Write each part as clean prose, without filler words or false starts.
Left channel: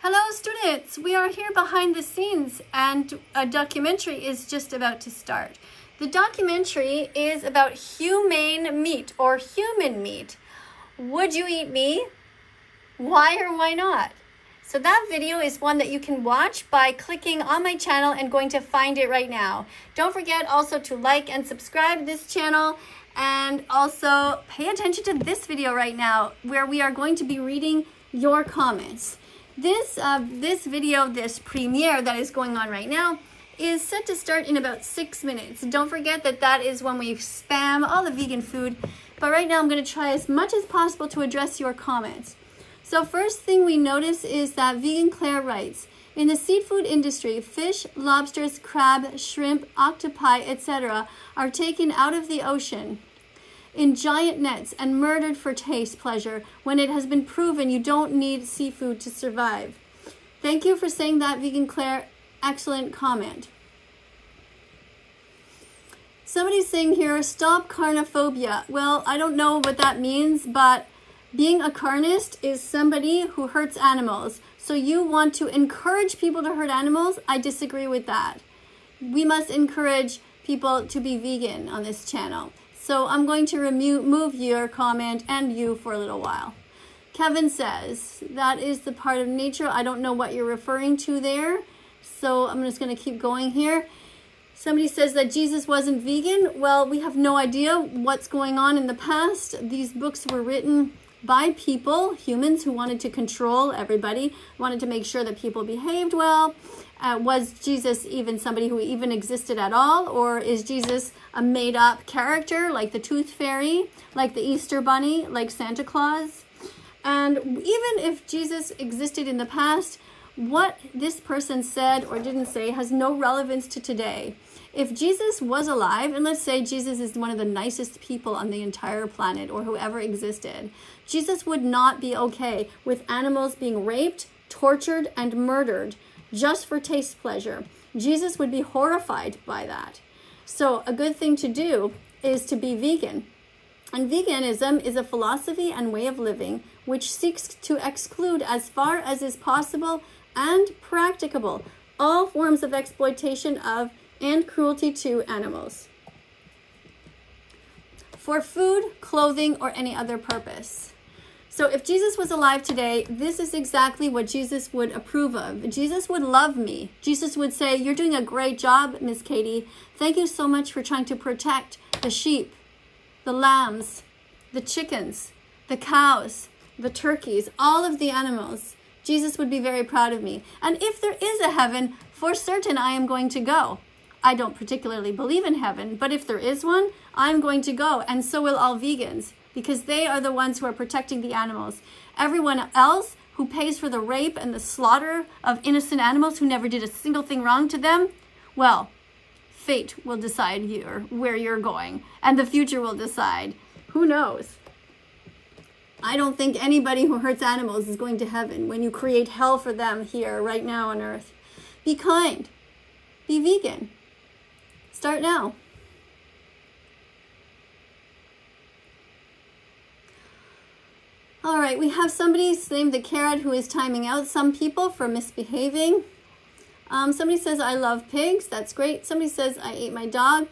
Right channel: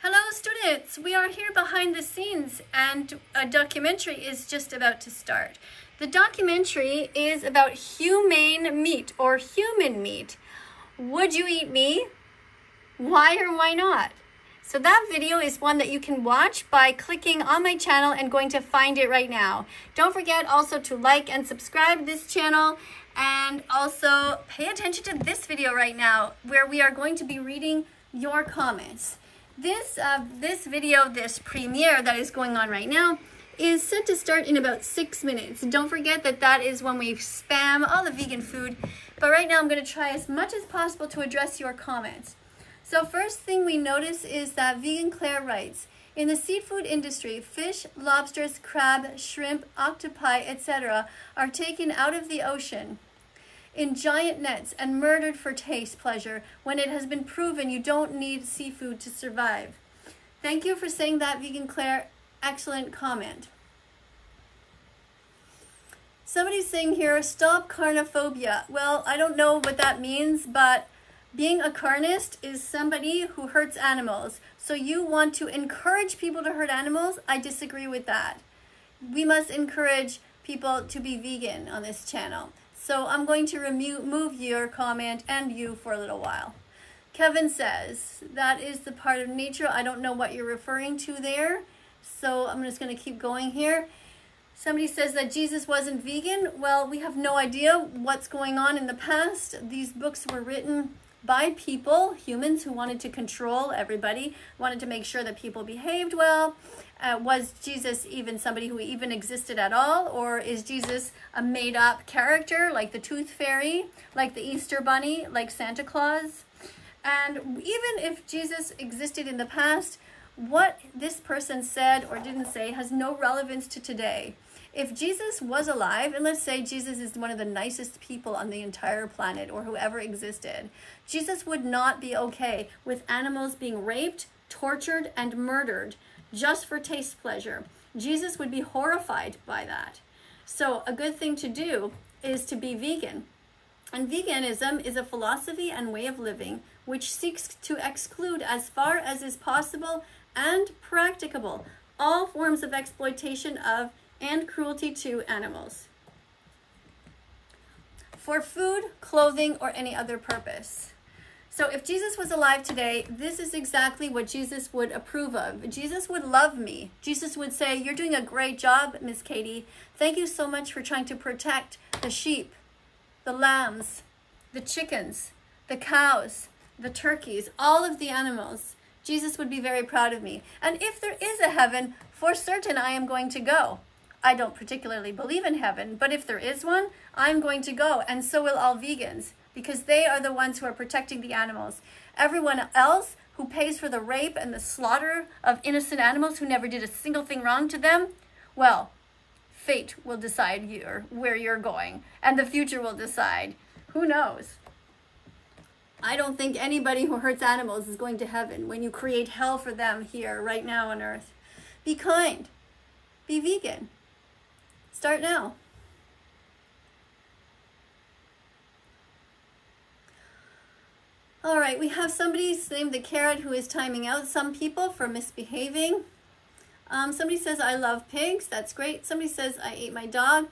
Hello students, we are here behind the scenes and a documentary is just about to start. The documentary is about humane meat or human meat. Would you eat me? Why or why not? So that video is one that you can watch by clicking on my channel and going to find it right now. Don't forget also to like and subscribe this channel, and also pay attention to this video right now where we are going to be reading your comments. This video, this premiere that is going on right now, is set to start in about 6 minutes. Don't forget that that is when we spam all the vegan food. But right now I'm going to try as much as possible to address your comments. So first thing we notice is that Vegan Claire writes, in the seafood industry, fish, lobsters, crab, shrimp, octopi, etc. are taken out of the ocean in giant nets and murdered for taste pleasure when it has been proven you don't need seafood to survive. Thank you for saying that, Vegan Claire. Excellent comment. Somebody's saying here, stop carnophobia. Well, I don't know what that means, but being a carnist is somebody who hurts animals. So you want to encourage people to hurt animals? I disagree with that. We must encourage people to be vegan on this channel. So I'm going to remove your comment and you for a little while. Kevin says, that is the part of nature. I don't know what you're referring to there. So I'm just going to keep going here. Somebody says that Jesus wasn't vegan. Well, we have no idea what's going on in the past. These books were written by people, humans who wanted to control everybody, wanted to make sure that people behaved well. Was Jesus even somebody who even existed at all? Or is Jesus a made-up character like the Tooth Fairy, like the Easter Bunny, like Santa Claus? And even if Jesus existed in the past, what this person said or didn't say has no relevance to today. If Jesus was alive, and let's say Jesus is one of the nicest people on the entire planet or whoever existed, Jesus would not be okay with animals being raped, tortured, and murdered just for taste pleasure. Jesus would be horrified by that. So a good thing to do is to be vegan. And veganism is a philosophy and way of living which seeks to exclude as far as is possible and practicable all forms of exploitation of and cruelty to animals for food, clothing, or any other purpose. So if Jesus was alive today, this is exactly what Jesus would approve of. Jesus would love me. Jesus would say, you're doing a great job, Miss Katie. Thank you so much for trying to protect the sheep, the lambs, the chickens, the cows, the turkeys, all of the animals. Jesus would be very proud of me. And if there is a heaven, for certain I am going to go. I don't particularly believe in heaven, but if there is one, I'm going to go, and so will all vegans, because they are the ones who are protecting the animals. Everyone else who pays for the rape and the slaughter of innocent animals who never did a single thing wrong to them, well, fate will decide where you're going, and the future will decide. Who knows? I don't think anybody who hurts animals is going to heaven when you create hell for them here, right now on earth. Be kind. Be vegan. Start now. All right, we have somebody named the Carrot who is timing out some people for misbehaving. Somebody says, I love pigs. That's great. Somebody says, I ate my dog.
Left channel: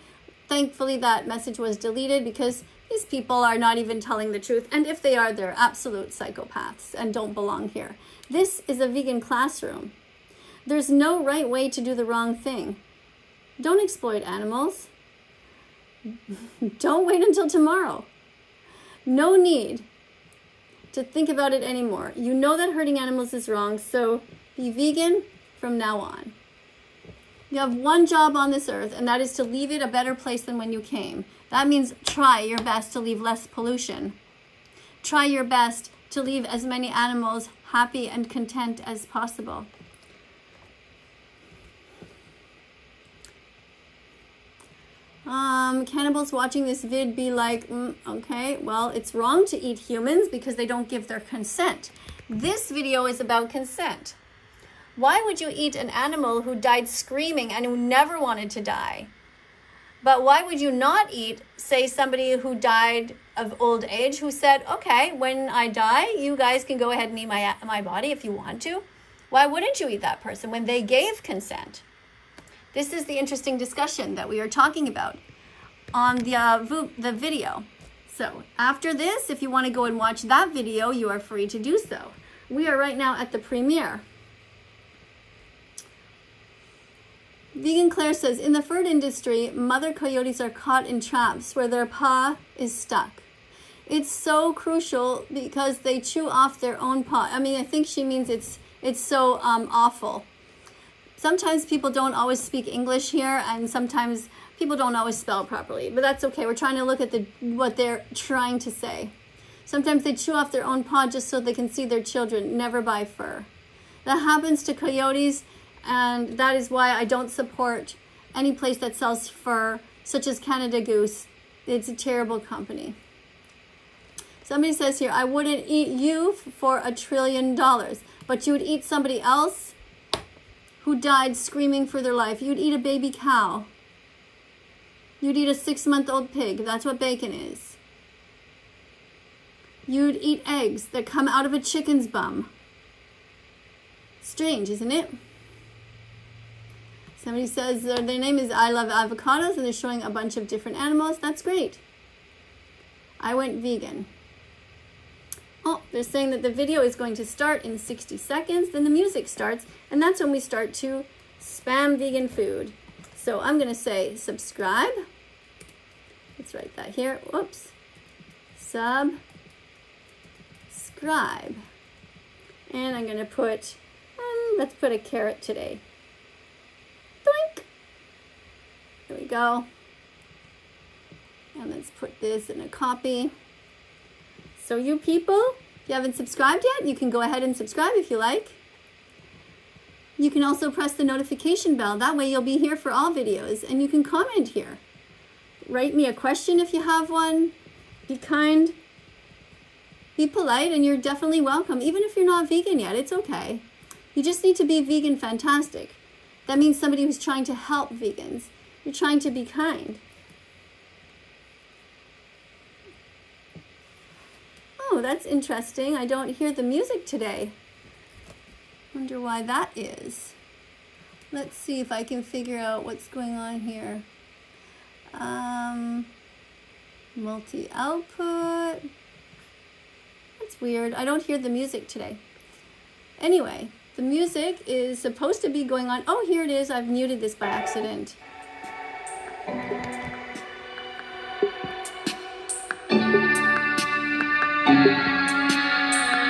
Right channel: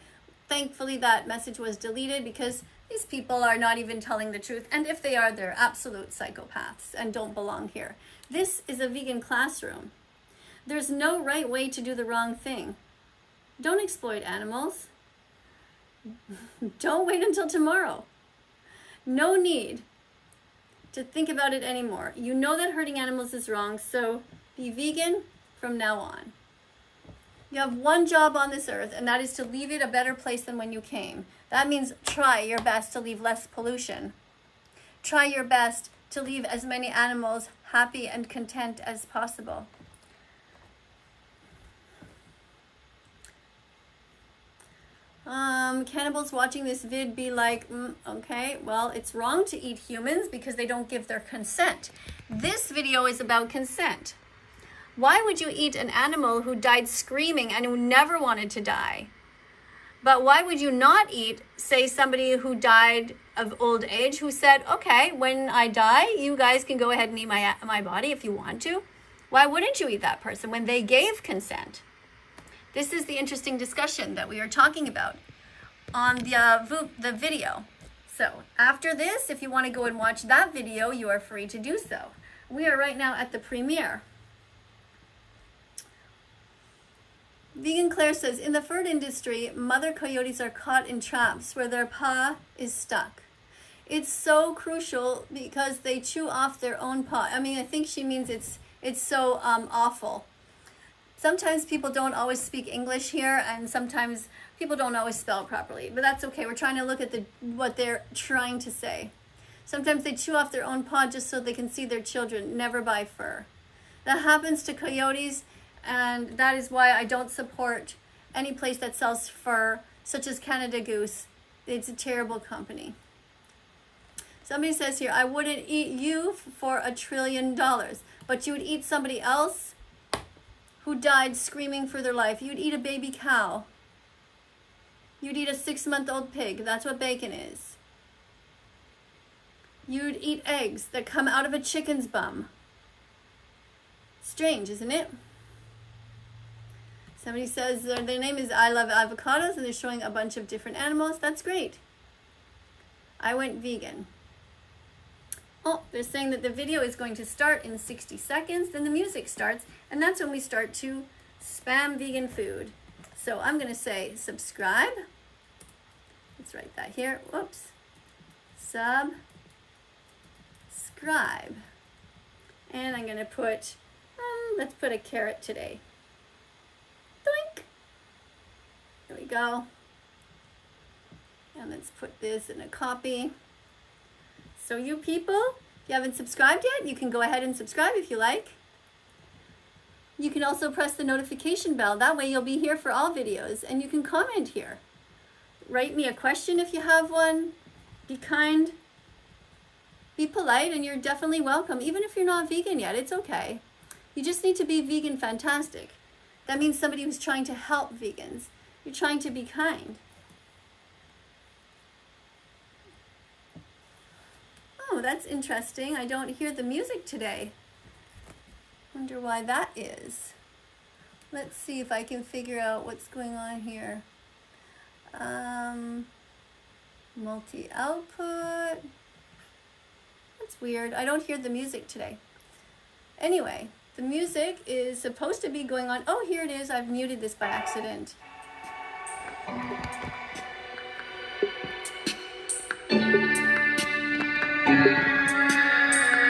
Thankfully, that message was deleted because these people are not even telling the truth. And if they are, they're absolute psychopaths and don't belong here. This is a vegan classroom. There's no right way to do the wrong thing. Don't exploit animals. Don't wait until tomorrow. No need to think about it anymore. You know that hurting animals is wrong, so be vegan from now on. You have one job on this earth, and that is to leave it a better place than when you came. That means try your best to leave less pollution. Try your best to leave as many animals happy and content as possible. Cannibals watching this vid be like, okay, well, it's wrong to eat humans because they don't give their consent. This video is about consent. Why would you eat an animal who died screaming and who never wanted to die? But why would you not eat, say, somebody who died of old age who said, okay, when I die, you guys can go ahead and eat my body if you want to? Why wouldn't you eat that person when they gave consent? This is the interesting discussion that we are talking about on the video. So after this, if you want to go and watch that video, you are free to do so. We are right now at the premiere. Vegan Claire says, in the fur industry, mother coyotes are caught in traps where their paw is stuck. It's so crucial because they chew off their own paw. I mean, I think she means it's so awful. Sometimes people don't always speak English here, and sometimes people don't always spell properly, but that's okay. We're trying to look at what they're trying to say. Sometimes they chew off their own paw just so they can see their children. Never buy fur. That happens to coyotes, and that is why I don't support any place that sells fur, such as Canada Goose. It's a terrible company. Somebody says here, I wouldn't eat you for $1 trillion, but you would eat somebody else who died screaming for their life. You'd eat a baby cow. You'd eat a 6-month-old pig. That's what bacon is. You'd eat eggs that come out of a chicken's bum. Strange, isn't it? Somebody says their name is I Love Avocados, and they're showing a bunch of different animals. That's great. I went vegan. Oh, they're saying that the video is going to start in 60 seconds. Then the music starts, and that's when we start to spam vegan food. So I'm going to say subscribe. Let's write that here. Whoops. Subscribe. And I'm going to put, let's put a carrot today. Doink. There we go. And let's put this in a copy. So you people, if you haven't subscribed yet, you can go ahead and subscribe if you like. You can also press the notification bell. That way you'll be here for all videos, and you can comment here. Write me a question if you have one. Be kind. Be polite, and you're definitely welcome. Even if you're not vegan yet, it's okay. You just need to be vegan fantastic. That means somebody who's trying to help vegans. You're trying to be kind. Oh, that's interesting. I don't hear the music today. Wonder why that is. Let's see if I can figure out what's going on here. Multi-output. That's weird. I don't hear the music today. Anyway, the music is supposed to be going on. Oh, here it is. I've muted this by accident.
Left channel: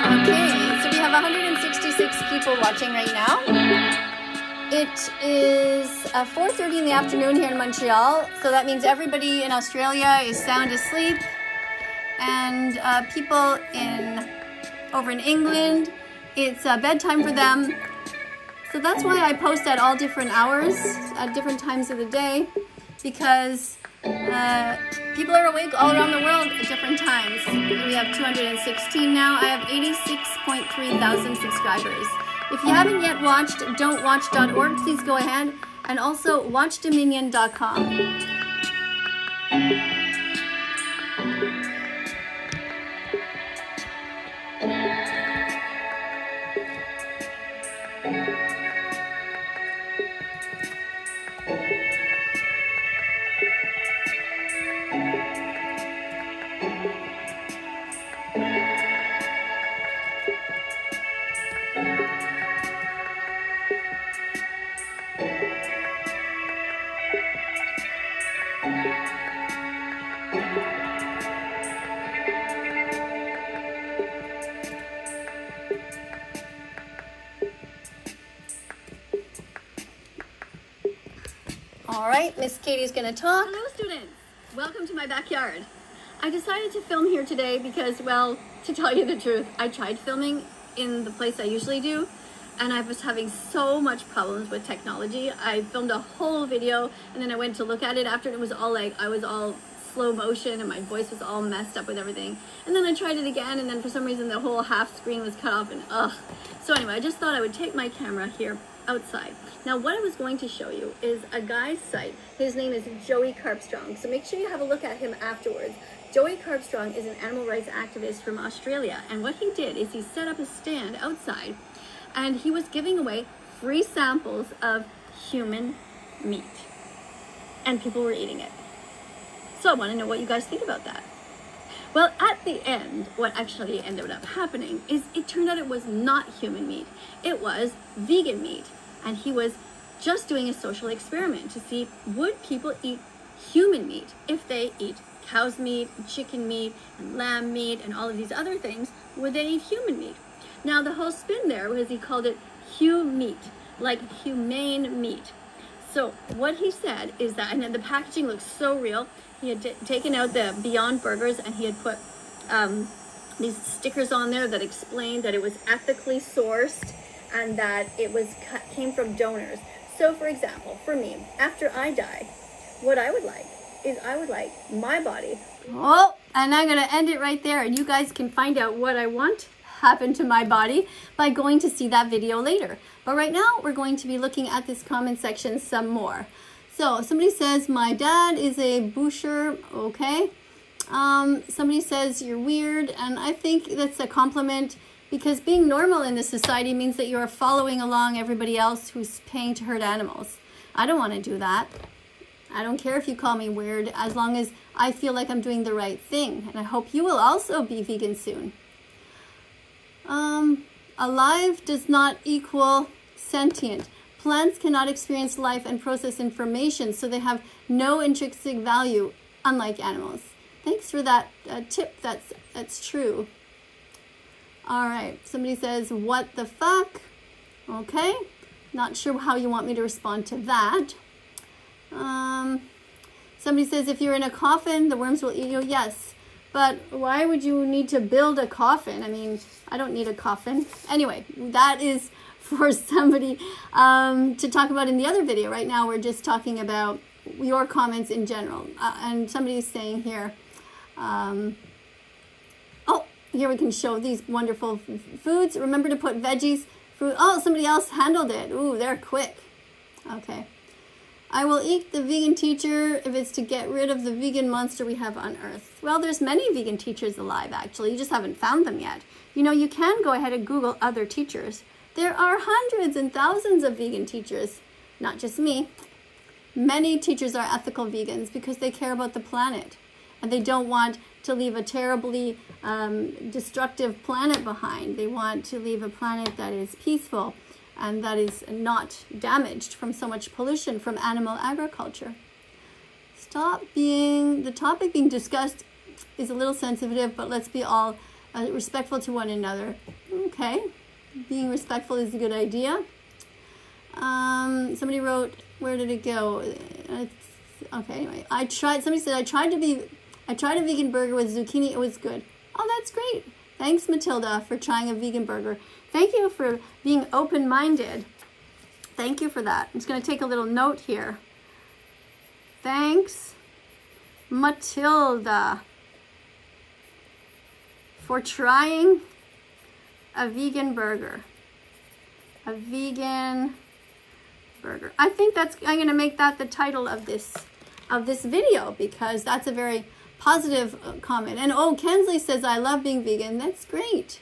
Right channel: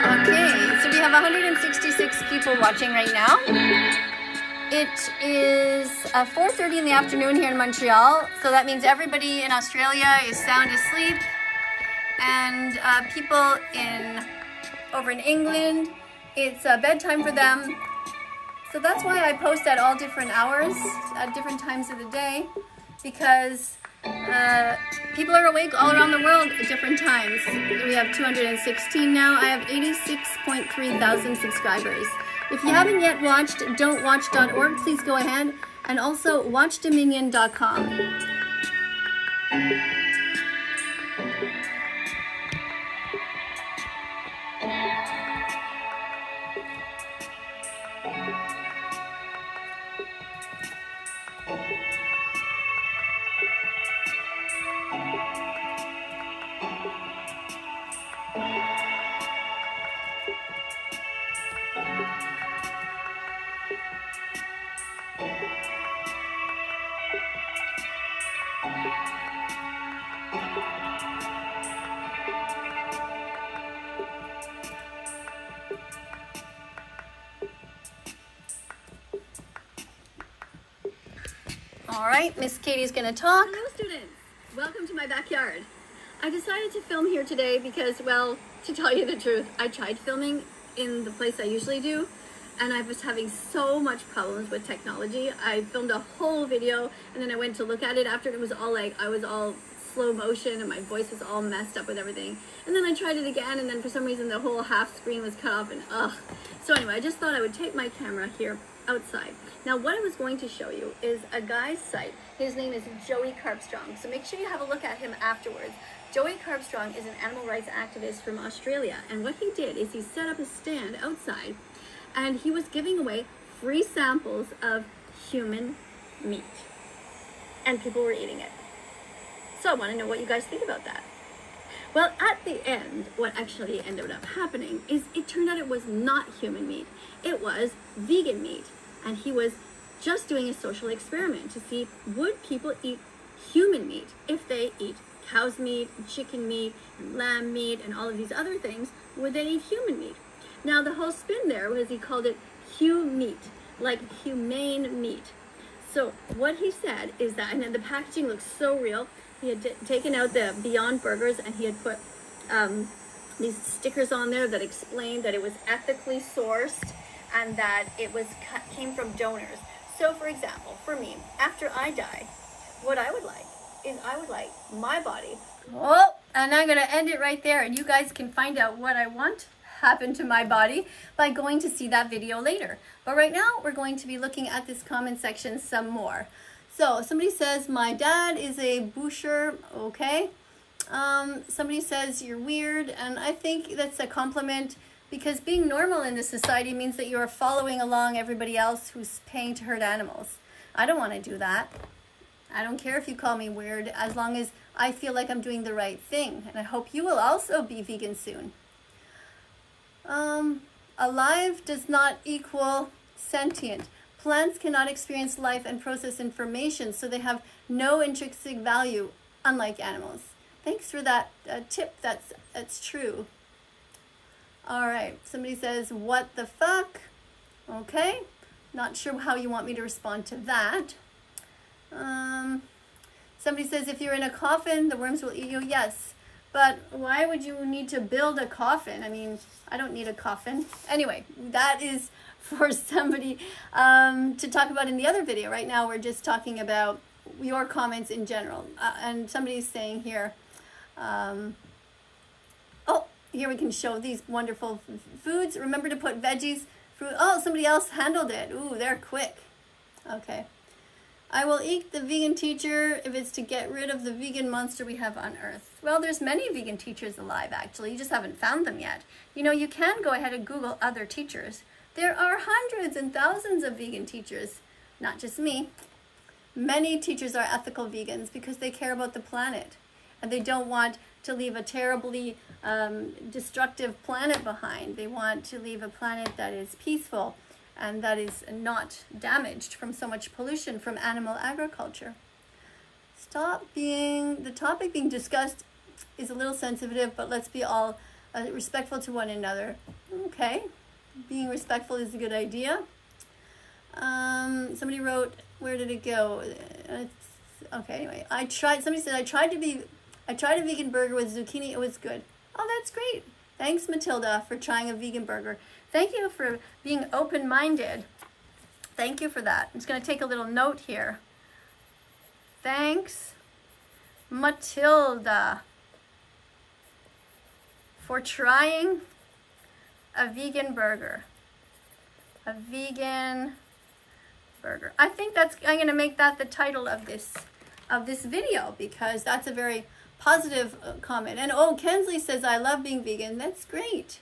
Okay, so we have 166 people watching right now. It is 4:30 in the afternoon here in Montreal, so that means everybody in Australia is sound asleep, and people over in England, it's bedtime for them. So that's why I post at all different hours, at different times of the day, because people are awake all around the world at different times. We have 216 now. I have 86.3 thousand subscribers. If you haven't yet watched don'twatch.org, please go ahead, and also watchdominion.com. All right, Miss Katie's gonna talk. Hello, students. Welcome to my backyard. I decided to film here today because, well, to tell you the truth, I tried filming in the place I usually do, and I was having so much problems with technology. I filmed a whole video, and then I went to look at it after, and it was all like, I was all slow motion, and my voice was all messed up with everything. And then I tried it again, and then for some reason the whole half screen was cut off, and ugh. So anyway, I just thought I would take my camera here outside. Now what I was going to show you is a guy's site. His name is Joey Carpstrong, so make sure you have a look at him afterwards. Joey Carpstrong is an animal rights activist from Australia, and what he did is he set up a stand outside, and he was giving away free samples of human meat, and people were eating it. So I want to know what you guys think about that. Well, at the end, what actually ended up happening is it turned out it was not human meat. It was vegan meat. And he was just doing a social experiment to see, would people eat human meat if they eat cow's meat, and chicken meat, and lamb meat, and all of these other things? Would they eat human meat? Now, the whole spin there was he called it meat, like humane meat. So what he said is that, and then the packaging looks so real. He had taken out the Beyond Burgers, and he had put these stickers on there that explained that it was ethically sourced and that it was came from donors. So, for example, for me, after I die, what I would like is I would like my body. Oh, and I'm going to end it right there, and you guys can find out what I want happen to my body by going to see that video later. But right now, we're going to be looking at this comment section some more. So somebody says, my dad is a boucher. Okay. Somebody says you're weird. And I think that's a compliment, because being normal in this society means that you're following along everybody else who's paying to hurt animals. I don't want to do that. I don't care if you call me weird, as long as I feel like I'm doing the right thing. And I hope you will also be vegan soon. Alive does not equal sentient. Plants cannot experience life and process information, so they have no intrinsic value, unlike animals. Thanks for that tip. That's true. All right. Somebody says, what the fuck? Okay. Not sure how you want me to respond to that. Somebody says, if you're in a coffin, the worms will eat you. Yes. But why would you need to build a coffin? I mean, I don't need a coffin. Anyway, that is for somebody to talk about in the other video. Right now, we're just talking about your comments in general. And somebody's saying here, oh, here we can show these wonderful foods. Remember to put veggies, fruit. Oh, somebody else handled it. Ooh, they're quick. Okay. I will eat the vegan teacher if it's to get rid of the vegan monster we have on Earth. Well, there's many vegan teachers alive, actually. You just haven't found them yet. You know, you can go ahead and Google other teachers. There are hundreds and thousands of vegan teachers, not just me. Many teachers are ethical vegans because they care about the planet, and they don't want to leave a terribly destructive planet behind. They want to leave a planet that is peaceful and that is not damaged from so much pollution from animal agriculture. The topic being discussed is a little sensitive, but let's be all respectful to one another. Okay, being respectful is a good idea. Somebody wrote, where did it go? Okay, anyway, somebody said, I tried a vegan burger with zucchini, it was good. Oh, that's great. Thanks, Matilda, for trying a vegan burger. Thank you for being open-minded. Thank you for that. I'm just going to take a little note here. Thanks, Matilda, for trying a vegan burger. A vegan burger. I think I'm going to make that the title of this video, because that's a very positive comment. And oh, Kensley says, I love being vegan. That's great.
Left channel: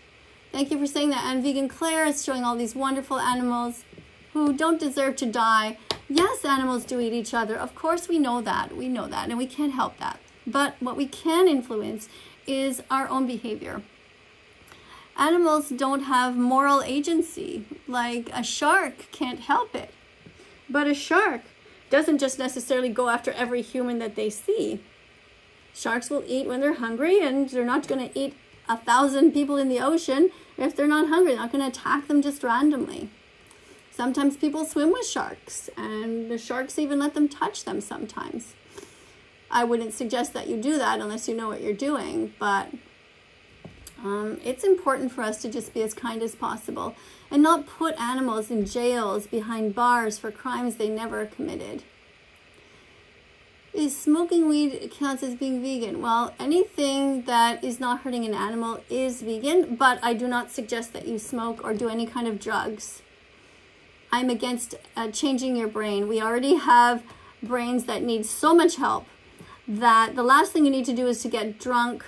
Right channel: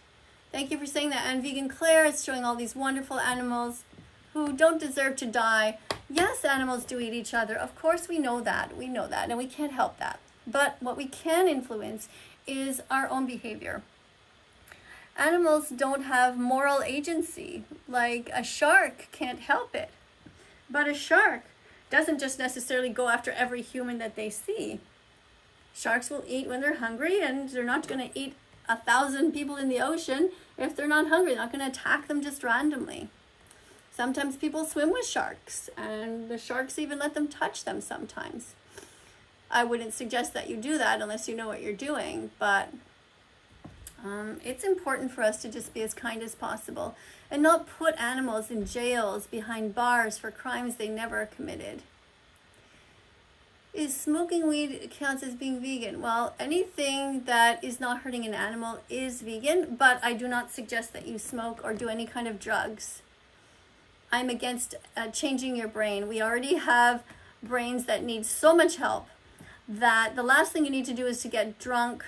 Thank you for saying that. And Vegan Claire is showing all these wonderful animals who don't deserve to die. Yes, animals do eat each other. Of course, we know that. We know that, and we can't help that. But what we can influence is our own behavior. Animals don't have moral agency. Like a shark can't help it. But a shark doesn't just necessarily go after every human that they see. Sharks will eat when they're hungry, and they're not going to eat 1,000 people in the ocean if they're not hungry. They're not going to attack them just randomly. Sometimes people swim with sharks, and the sharks even let them touch them sometimes. I wouldn't suggest that you do that unless you know what you're doing, but it's important for us to just be as kind as possible and not put animals in jails behind bars for crimes they never committed. Is smoking weed counts as being vegan? Well, anything that is not hurting an animal is vegan, but I do not suggest that you smoke or do any kind of drugs. I'm against changing your brain. We already have brains that need so much help that the last thing you need to do is to get drunk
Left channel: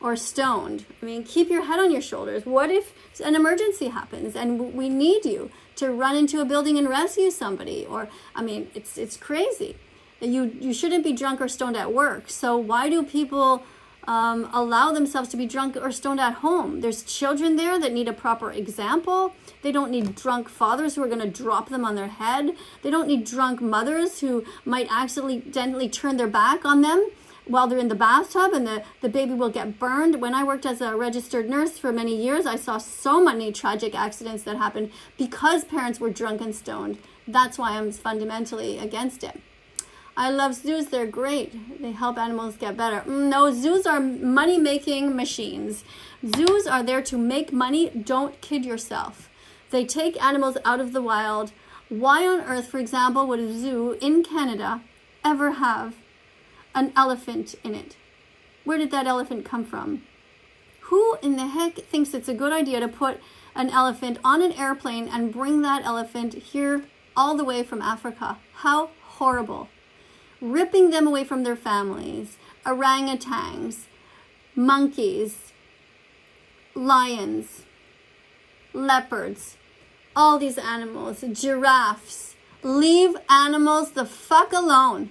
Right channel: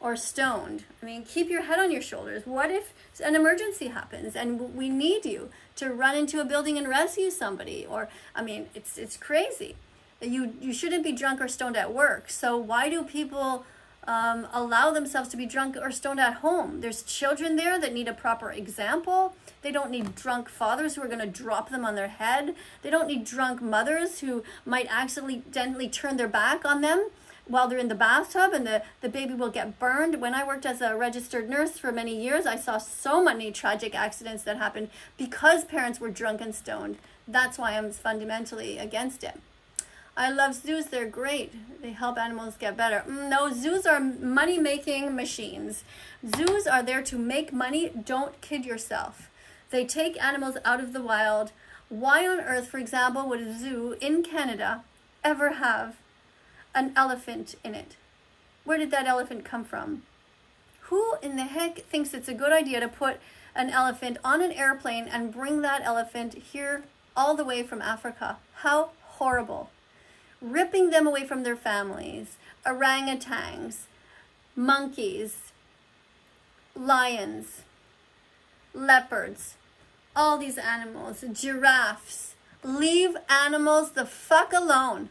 or stoned. I mean, keep your head on your shoulders. What if an emergency happens and we need you to run into a building and rescue somebody. Or, I mean, it's crazy. You shouldn't be drunk or stoned at work. So why do people allow themselves to be drunk or stoned at home? There's children there that need a proper example. They don't need drunk fathers who are going to drop them on their head. They don't need drunk mothers who might accidentally turn their back on them while they're in the bathtub and the baby will get burned. When I worked as a registered nurse for many years, I saw so many tragic accidents that happened because parents were drunk and stoned. That's why I'm fundamentally against it. I love zoos. They're great. They help animals get better. No, zoos are money-making machines. Zoos are there to make money. Don't kid yourself. They take animals out of the wild. Why on earth, for example, would a zoo in Canada ever have an elephant in it? Where did that elephant come from? Who in the heck thinks it's a good idea to put an elephant on an airplane and bring that elephant here all the way from Africa? How horrible. Ripping them away from their families, orangutans, monkeys, lions, leopards, all these animals, giraffes. Leave animals the fuck alone.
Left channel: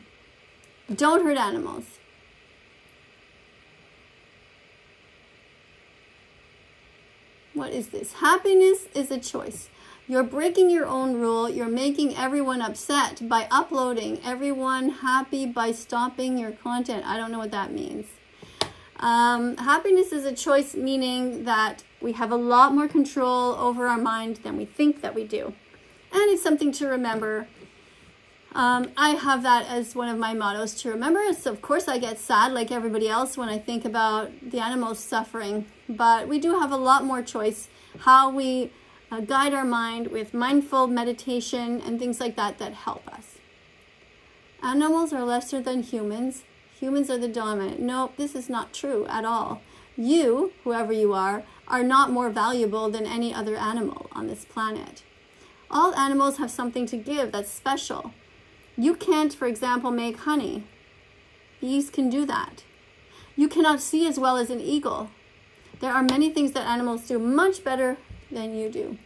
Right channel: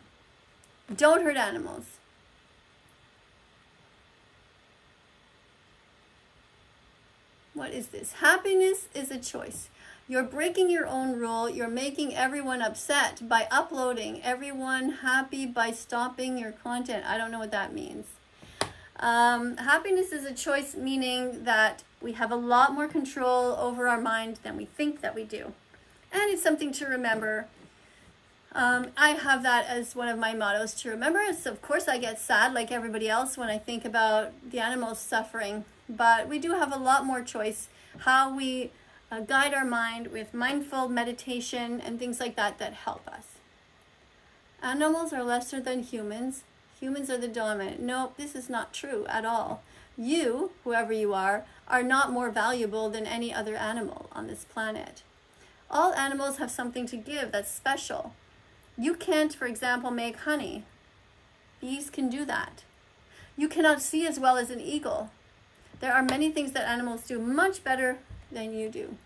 Don't hurt animals. What is this? Happiness is a choice. You're breaking your own rule. You're making everyone upset by uploading. Everyone happy by stopping your content. I don't know what that means. Happiness is a choice, meaning that we have a lot more control over our mind than we think that we do. And it's something to remember. I have that as one of my mottos to remember. So of course I get sad like everybody else when I think about the animals suffering. But we do have a lot more choice how we guide our mind with mindful meditation and things like that that help us. Animals are lesser than humans. Humans are the dominant. No, this is not true at all. You, whoever you are not more valuable than any other animal on this planet. All animals have something to give that's special. You can't, for example, make honey. Bees can do that. You cannot see as well as an eagle. There are many things that animals do much better than you do.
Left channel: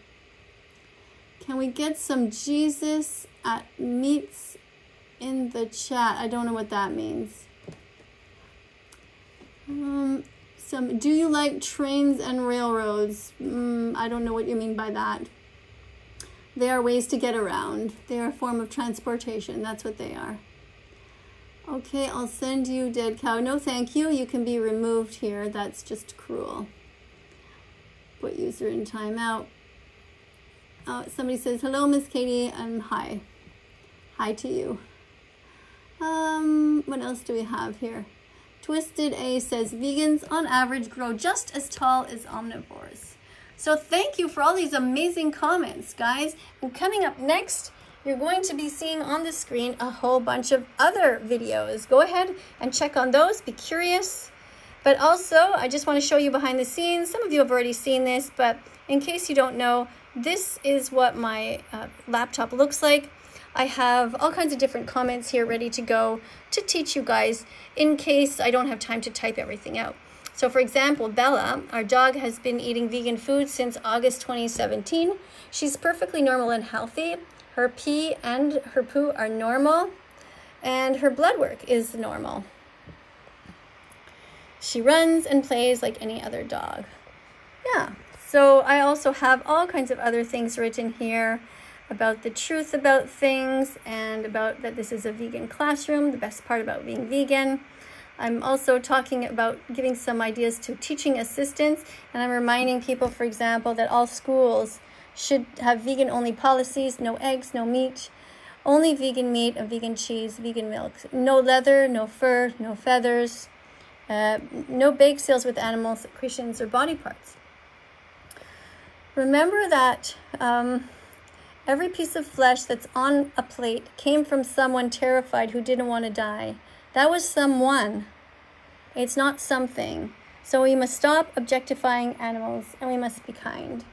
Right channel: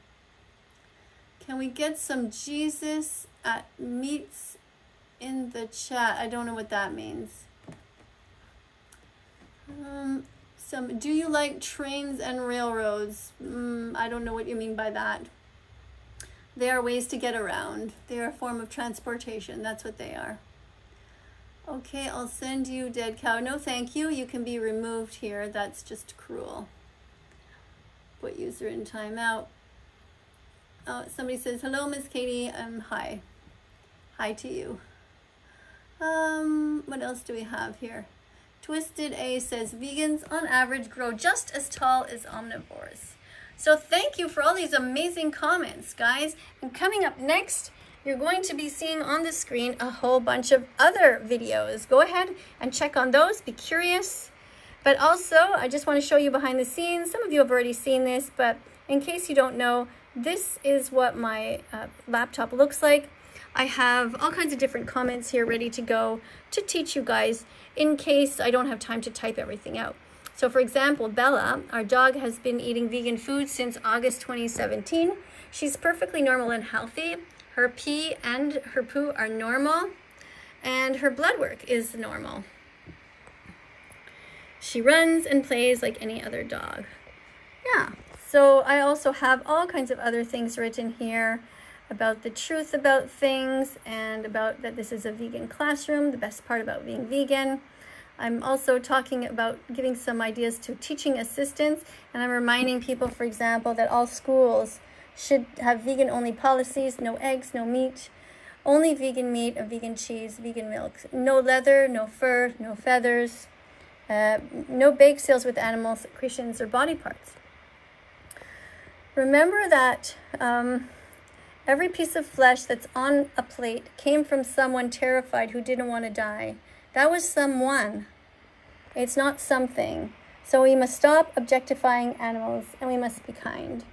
Can we get some Jesus at meets in the chat? I don't know what that means. Do you like trains and railroads? I don't know what you mean by that. They are ways to get around. They are a form of transportation. That's what they are. Okay, I'll send you dead cow. No, thank you. You can be removed here. That's just cruel. Put user in timeout. Somebody says, hello, Miss Katie. Hi. Hi to you. What else do we have here? Twisted A says, vegans on average grow just as tall as omnivores. So thank you for all these amazing comments, guys. And coming up next, you're going to be seeing on the screen a whole bunch of other videos. Go ahead and check on those. Be curious. But also, I just want to show you behind the scenes. Some of you have already seen this, but in case you don't know, this is what my laptop looks like. I have all kinds of different comments here ready to go to teach you guys in case I don't have time to type everything out. So for example, Bella, our dog, has been eating vegan food since August 2017. She's perfectly normal and healthy. Her pee and her poo are normal, and her blood work is normal. She runs and plays like any other dog. Yeah, so I also have all kinds of other things written here about the truth about things and about that this is a vegan classroom, the best part about being vegan. I'm also talking about giving some ideas to teaching assistants, and I'm reminding people, for example, that all schools should have vegan-only policies, no eggs, no meat, only vegan meat, and vegan cheese, vegan milk, no leather, no fur, no feathers, no bake sales with animal secretions or body parts. Remember that every piece of flesh that's on a plate came from someone terrified who didn't want to die. That was someone. It's not something. So we must stop objectifying animals, and we must be kind.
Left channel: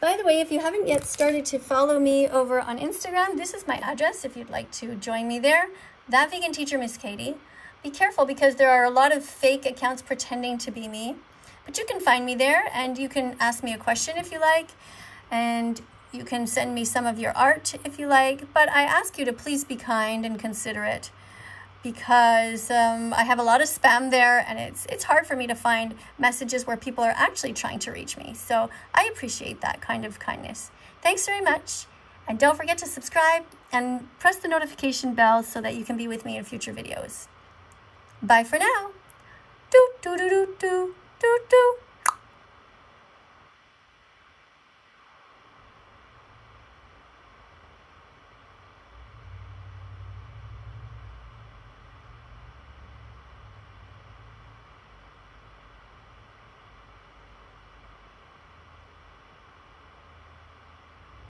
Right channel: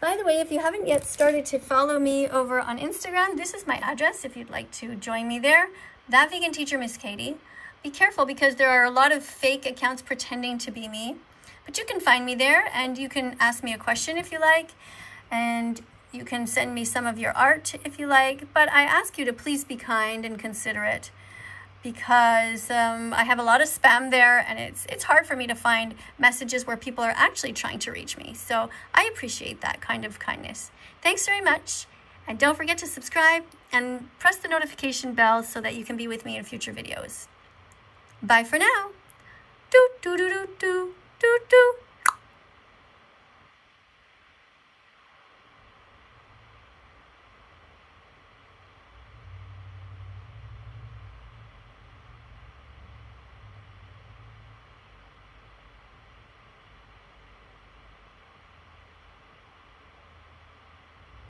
By the way, if you haven't yet started to follow me over on Instagram, this is my address if you'd like to join me there. That Vegan Teacher, Miss Katie. Be careful because there are a lot of fake accounts pretending to be me. But you can find me there, and you can ask me a question if you like, and you can send me some of your art if you like. But I ask you to please be kind and considerate, because I have a lot of spam there, and it's hard for me to find messages where people are actually trying to reach me. So I appreciate that kind of kindness. Thanks very much. And don't forget to subscribe and press the notification bell so that you can be with me in future videos. Bye for now. Do, do, do, do, do, do, do.